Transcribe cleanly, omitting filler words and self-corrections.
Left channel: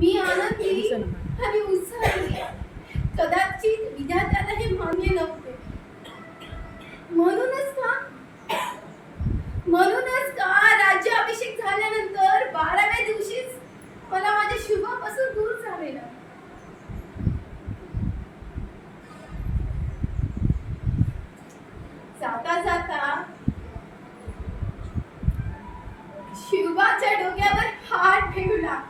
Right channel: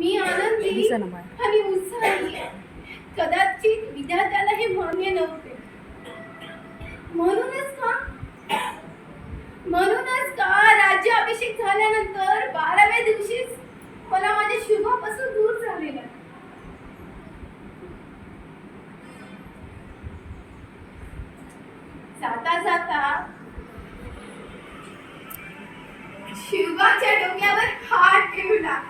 मी आनंदी आणि उत्साही. कदाचित विधात्याला हे मान्य नव्हते. म्हणूनच का राज्याभिषेक झाल्यानंतर 12व्या दिवशीच मला माझ्या शुभापासून दूर झालेला. जाता जाता शिवबाच्या डोक्यावर हात ठेवला.